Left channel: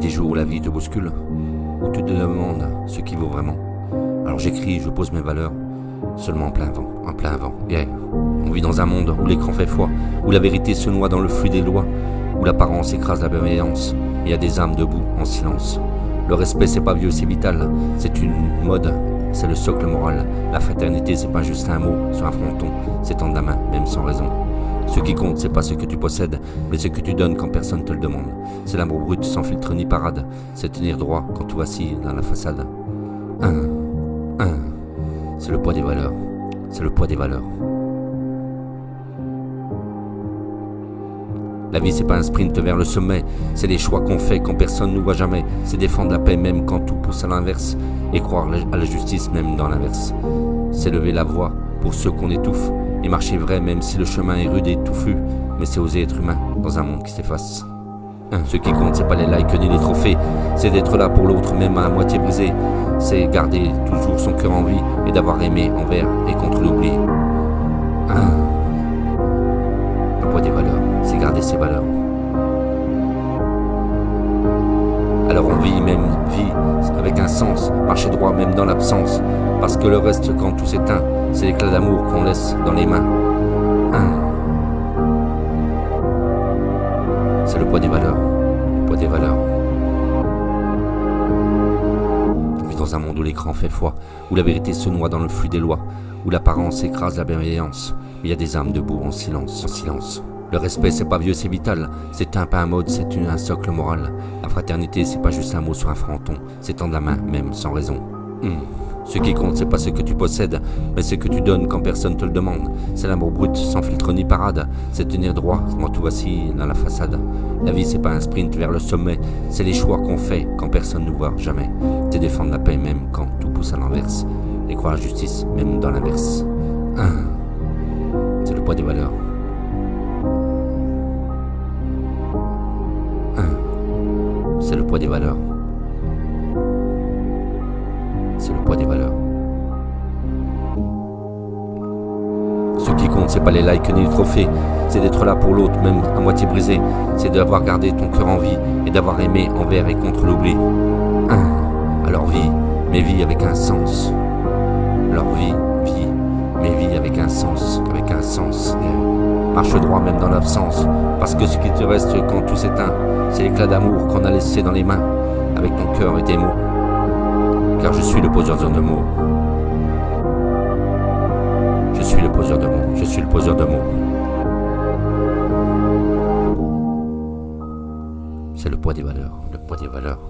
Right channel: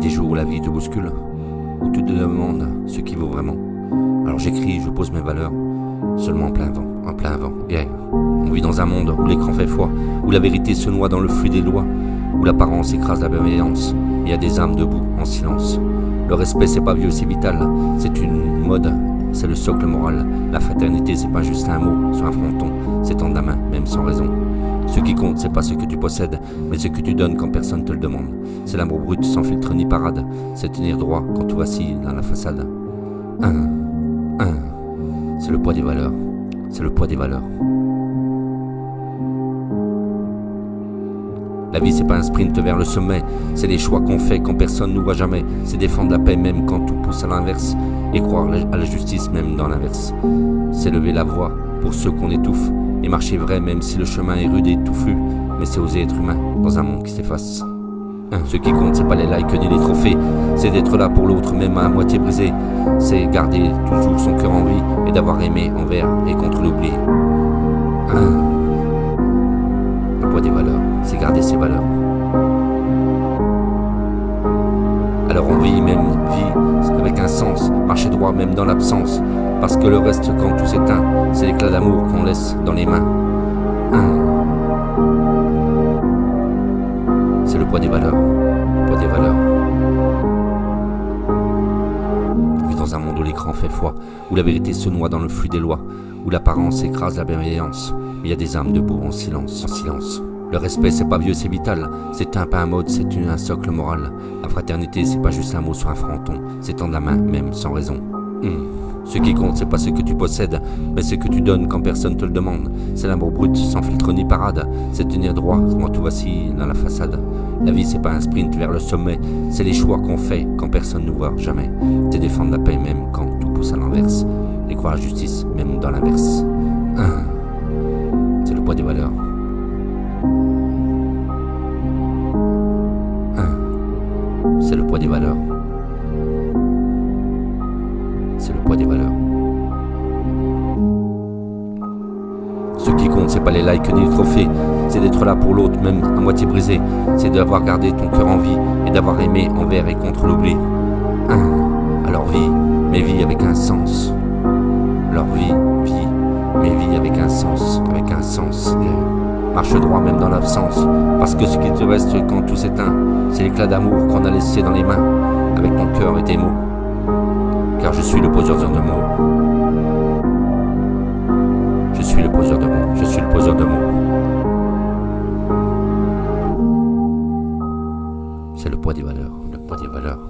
des jours où la vie te bouscule, où tu te demandes ce qui vaut vraiment. Alors j'écris, je pose mes valeurs, seulement en plein vent, yeah. On vit dans un monde où l'écran fait foi, où la vérité se noie dans le flux des lois, où l'apparence écrase la bienveillance. Il y a des âmes debout, en silence. Le respect, c'est pas vieux, c'est vital. C'est une mode, c'est le socle moral. La fraternité, c'est pas juste un mot sur un fronton, c'est tendre la main, même sans raison. Ce qui compte, c'est pas ce que tu possèdes, mais ce que tu donnes quand personne te le demande. C'est l'amour brut, sans filtre ni parade. C'est tenir droit quand tout vacille dans la façade. C'est le poids des valeurs. C'est le poids des valeurs. La vie, c'est pas un sprint vers le sommet, c'est les choix qu'on fait quand personne nous voit jamais. C'est défendre la paix même quand tout pousse à l'inverse, et croire à la justice même dans l'inverse. C'est lever la voix pour ceux qu'on étouffe, et marcher vrai même si le chemin est rude et touffu. Mais c'est oser être humain dans un monde qui s'efface. Ce qui compte, c'est pas les likes ni les trophées, c'est d'être là pour l'autre même à moitié brisé. C'est garder toujours son cœur en vie et d'avoir aimé envers et contre l'oubli. Le poids des valeurs, c'est garder ses valeurs. Alors on vit avec un sens, marcher droit même dans l'absence, parce que le reste quand tout s'éteint, c'est l'éclat d'amour qu'on laisse dans les mains. C'est le poids des valeurs, le poids des valeurs. On vit dans un monde où l'écran fait foi, où la vérité se noie dans le flux des lois, où l'apparence écrase la bienveillance. Il y a des âmes debout en silence, en silence. Le respect, c'est pas vieux, c'est vital. C'est pas un mode, c'est un socle moral. La fraternité, c'est pas juste un mot sur un fronton, c'est tendre la main, même sans raison. Ce qui compte, c'est pas ce que tu possèdes, mais ce que tu donnes quand personne te le demande. C'est l'amour brut, sans filtre ni parade. C'est tenir droit quand tout vacille dans la façade. La vie, c'est pas un sprint vers le sommet, c'est les choix qu'on fait quand personne nous voit jamais. C'est défendre la paix même quand tout pousse à l'inverse, et croire à la justice même dans l'inverse. C'est le poids des valeurs. C'est le poids des valeurs. C'est le poids des valeurs. Ce qui compte, c'est pas les likes ni les trophées, c'est d'être là pour l'autre, même à moitié brisé. C'est d'avoir gardé ton cœur en vie et d'avoir aimé envers et contre l'oubli. Alors vis, mais vis avec un sens. Alors vis, mais vis avec un sens, Marche droit même dans l'absence, parce que ce qui te reste quand tout s'éteint, c'est l'éclat d'amour qu'on a laissé dans les mains, avec ton cœur et tes mots. Car je suis le poseur de mots. Je suis le poseur de mots. Je suis le poseur de mots. C'est le poids des valeurs. Le poids des valeurs.